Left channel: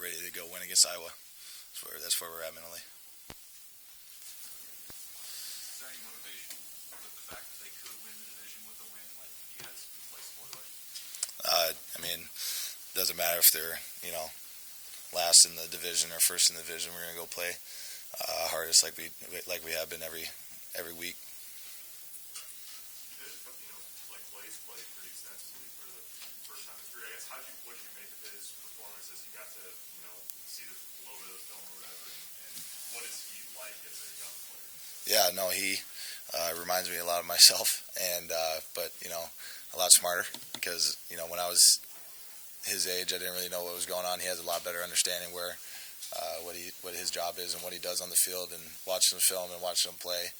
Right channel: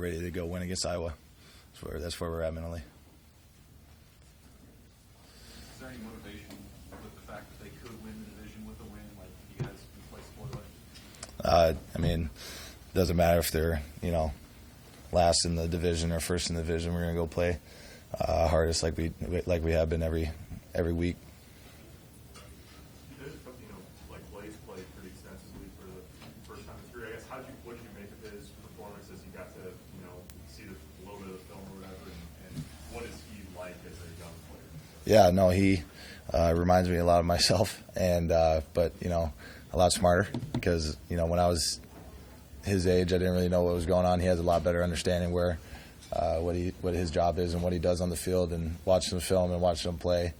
ready to go win against Iowa. That's where we're at mentally. Is there any motivation with the fact that they could win the division with a win? Like, you guys can play spoiler? I mean, it doesn't matter if they're, last in the division or first in the division. We're going to go play hardest like we have been every week. You did, Blaze played pretty extensively for the first time in his career. I guess what did you make of his performance as you got to, see a little bit of the film or whatever, and what is he like as a young player? Yeah, no, he reminds me a lot of myself, and but a lot smarter because when I was his age, I didn't really know what was going on. He has a lot better understanding what his job is and what he does on the field. And watching the film and watching him play,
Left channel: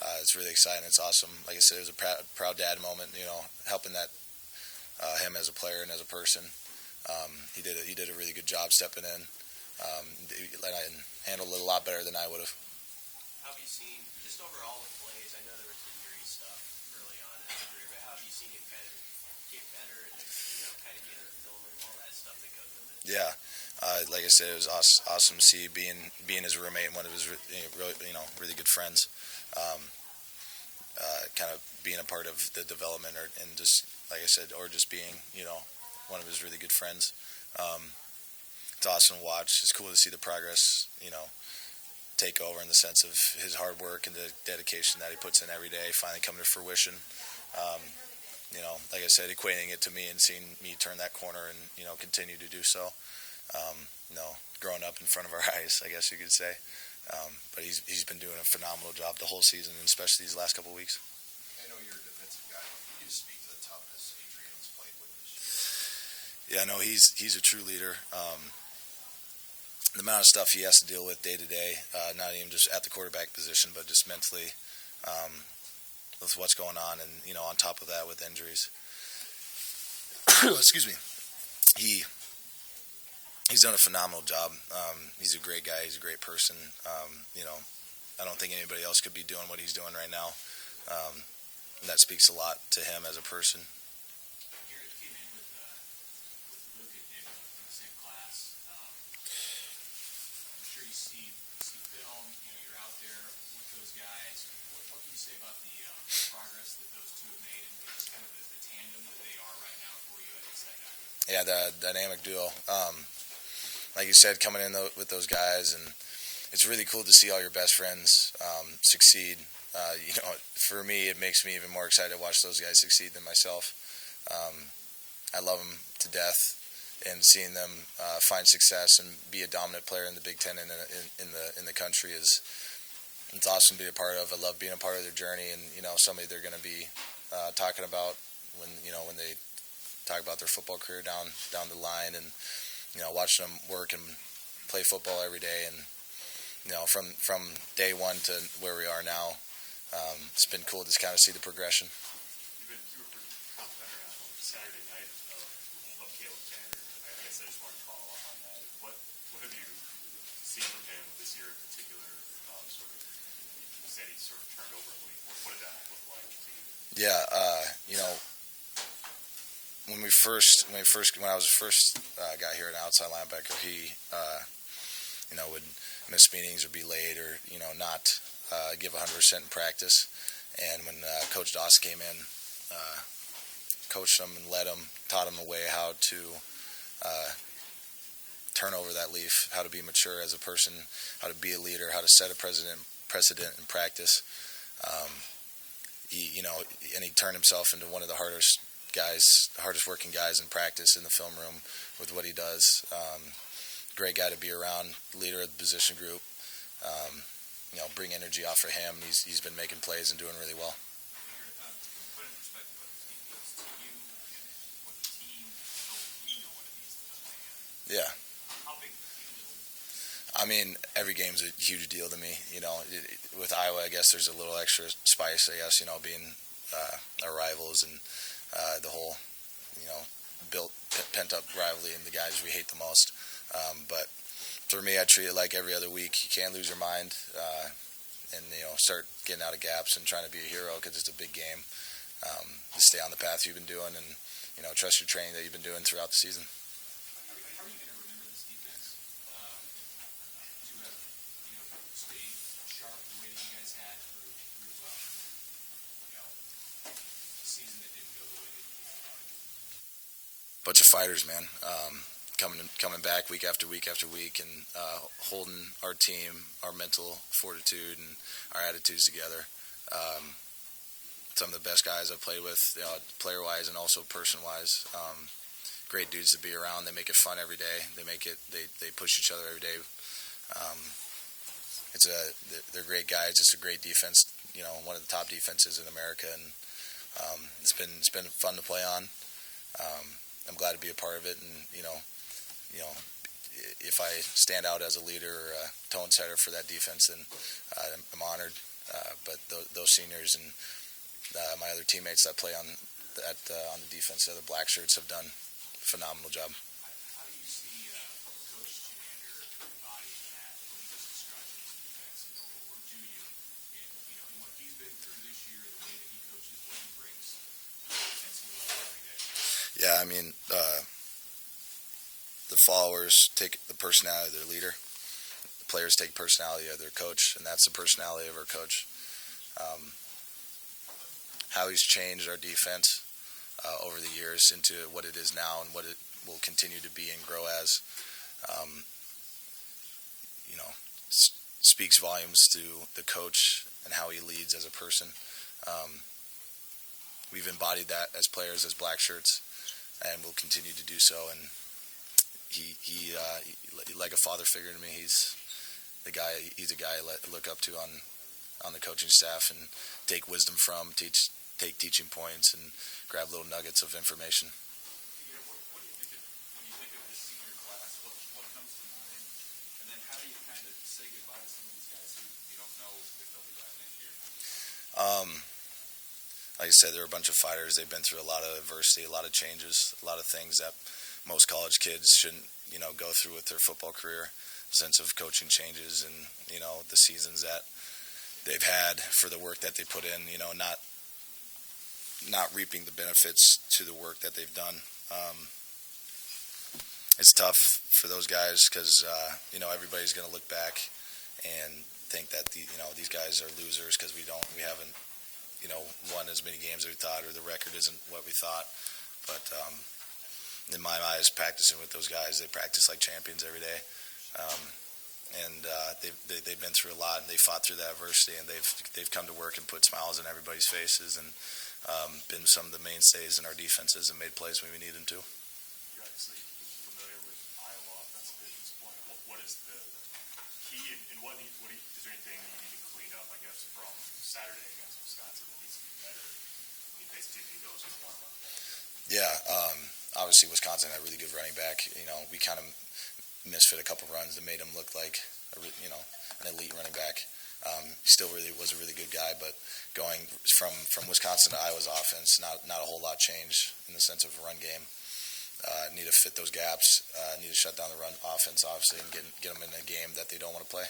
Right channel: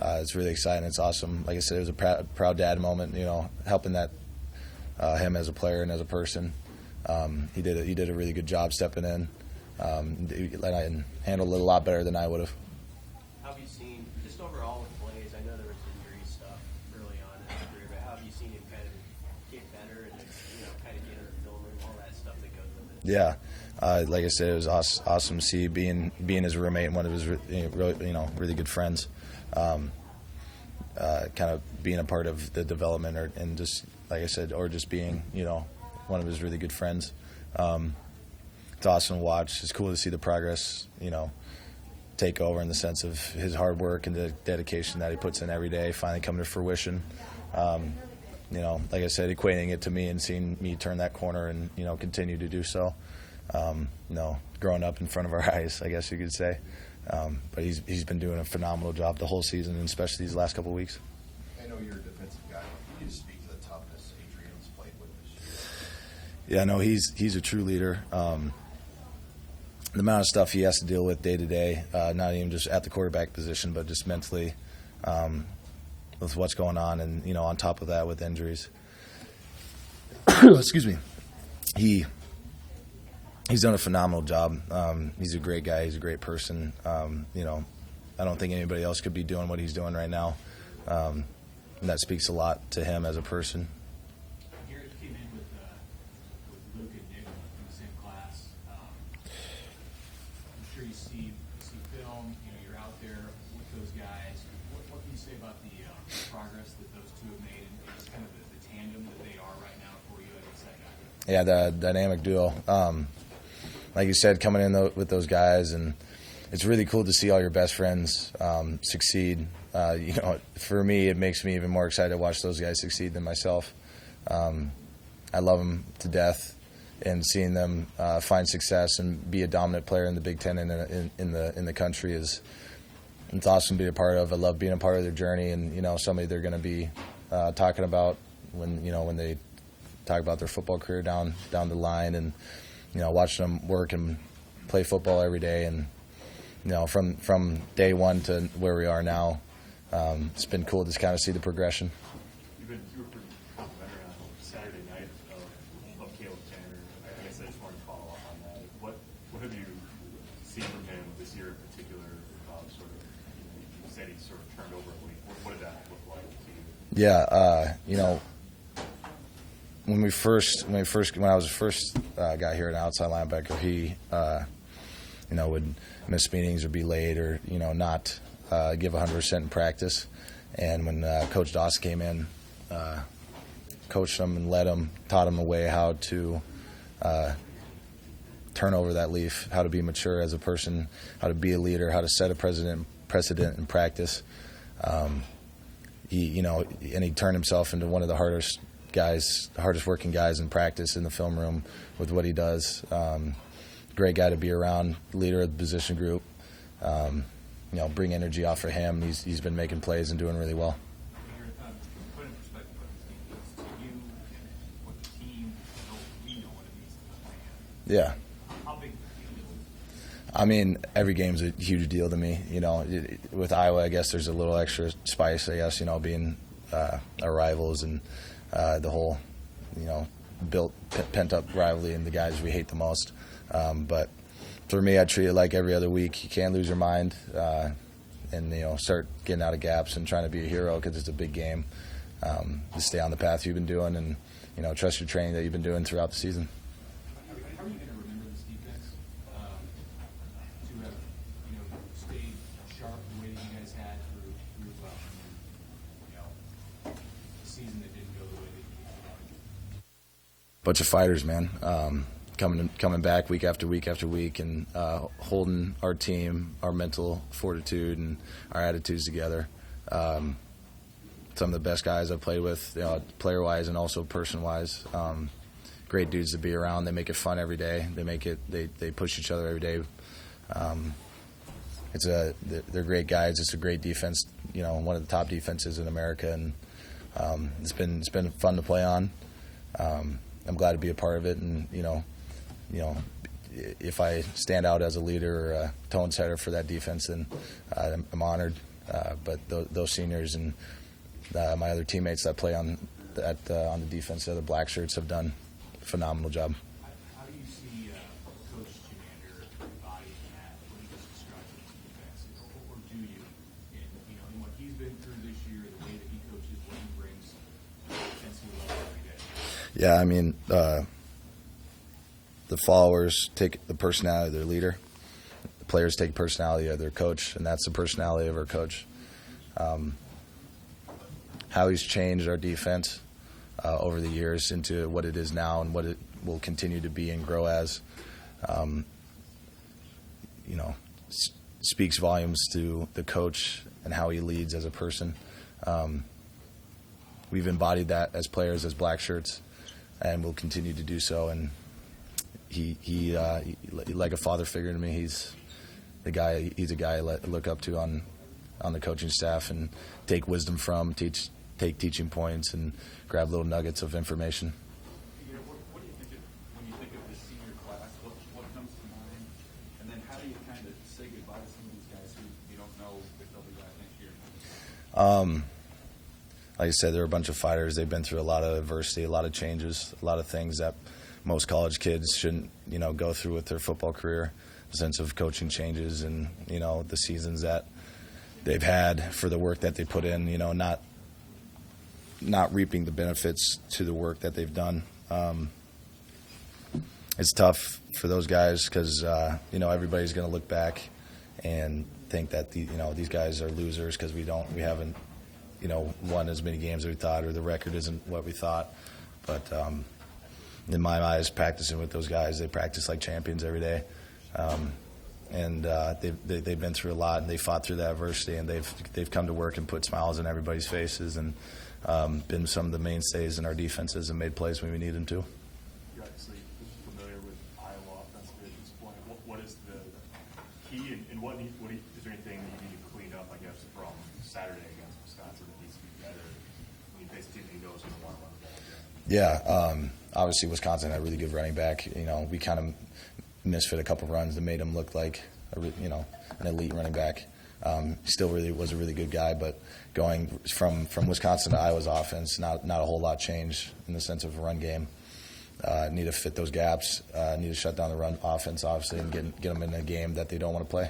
it's really exciting. It's awesome. Like I said, it was a proud dad moment. Helping him as a player and as a person. He did a really good job stepping in, and handled it a lot better than I would have. How have you seen, just overall with Blaze, I know there was injury stuff early on in his career, but how have you seen him kind of get better and, kind of get in the film room, all that stuff that goes with it? Yeah. Like I said, it was awesome to see being his roommate and one of his really good friends. Kind of being a part of the development, and just like I said, or just being one of his really good friends. It's awesome to watch. It's cool to see the progress take over in the sense of his hard work and the dedication that he puts in every day finally coming to fruition. Like I said, equating it to me and seeing me turn that corner and continue to do so. Growing up in front of our eyes, I guess you could say. But he's been doing a phenomenal job the whole season, and especially these last couple of weeks. I know you're a defensive guy. Can you just speak to the toughness Adrian's played with this year? Yeah, no, he's a true leader. The amount of stuff he has to deal with day to day, not even just at the quarterback position, but just mentally with what's going on, and on top of that with injuries. Excuse me. He's done a phenomenal job. He's a great guy. He's a great person. I don't think anybody else could be doing what he's doing right now. And that speaks a lot to him as a person. Garrett came in with Luke and Nick in the same class. I'm sure you see film. You're out there with those guys. What can you say about the progress that those two have made, and just kind of the tandem that they are right now for you at inside backer? Yeah, the dynamic duo. Like you said, coming in with those guys, and it's really cool to see all your best friends succeed. For me, it makes me even more excited to watch those guys succeed than myself. I love them to death, and seeing them find success and be a dominant player in the Big Ten and in the country it's awesome to be a part of. I love being a part of their journey, and somebody they're going to be talking about when they talk about their football career down the line, and watching them work and play football every day, and from day one to where we are now, it's been cool to kind of see the progression. You were pretty complimentary on Saturday night of Caleb Tanner. I guess I just wanted to follow up on that. What have you seen from him this year in particular? You said he sort of turned over a week. What did that look like to you? Yeah, when I was the first guy here at outside linebacker, he would miss meetings or be late or not give 100% in practice. And when Coach Doss came in, coached him and led him, taught him a way how to turn over that leaf, how to be mature as a person, how to be a leader, how to set a precedent in practice. He turned himself into one of the hardest working guys in practice in the film room with what he does. Great guy to be around, leader of the position group. Bring energy off of him. He's been making plays and doing really well. Put in perspective what this game means to you and what the team, we know what it means to the fan. Yeah. How big of a deal is it? I mean, every game's a huge deal to me. With Iowa, I guess there's a little extra spice, I guess, being our rivals and the whole, built pent-up rivalry and the guys we hate the most. But for me, I treat it like every other week. You can't lose your mind and, start getting out of gaps and trying to be a hero because it's a big game. Just stay on the path you've been doing and, trust your training that you've been doing throughout the season. How are you going to remember this defense bunch of fighters, man. Coming back week after week after week, and holding our team, our mental fortitude, and our attitudes together. Some of the best guys I've played with, player-wise and also person-wise. Great dudes to be around. They make it fun every day. They push each other every day. They're great guys. It's a great defense. One of the top defenses in America, and it's been fun to play on. I'm glad to be a part of it, and if I stand out as a leader or a tone setter for that defense, then I'm honored. But those seniors and my other teammates that play on the defense, the other black shirts, have done a phenomenal job. How do you see Coach Chinander embodying that when he just describes his defense, or do you? In what he's been through this year, the way that he coaches, what he brings to the intensity level every day. Yeah, I mean, the followers take the personality of their leader. The players take personality of their coach, and that's the personality of our coach. How he's changed our defense over the years into what it is now and what it will continue to be and grow as, speaks volumes to the coach and how he leads as a person. We've embodied that as players, as black shirts, and we'll continue to do so. And he like a father figure to me. He's a guy I look up to on the coaching staff and take wisdom from, take teaching points, and grab little nuggets of information. What do you think when you think of the senior class? What comes to mind? And then how do you kind of say goodbye to some of these guys who you don't know if they'll be back next year? Like I said, they're a bunch of fighters. They've been through a lot of adversity, a lot of changes, a lot of things that most college kids shouldn't, go through with their football career. A sense of coaching changes and, the seasons that they've had for the work that they put in, not reaping the benefits to the work that they've done. It's tough for those guys because, everybody's going to look back and think that, these guys are losers because we haven't, won as many games as we thought, or the record isn't what we thought. But in my eyes, practicing with those guys, they practice like champions every day. And they've been through a lot, and they fought through that adversity, and they've come to work and put smiles on everybody's faces, and been some of the mainstays in our defenses and made plays when we need them to. You're obviously familiar with Iowa offensively at this point. What is the key, and is there anything you need to clean up, I guess, from Saturday against Wisconsin that needs to be better when you face a team that knows going to want to run the ball? Yeah, obviously Wisconsin had a really good running back. We kind of misfit a couple runs that made him look like an elite running back. Still really was a really good guy, but going from Wisconsin to Iowa's offense, not a whole lot changed in the sense of a run game. Need to fit those gaps. Need to shut down the run offense, obviously, and get them in a game that they don't want to play.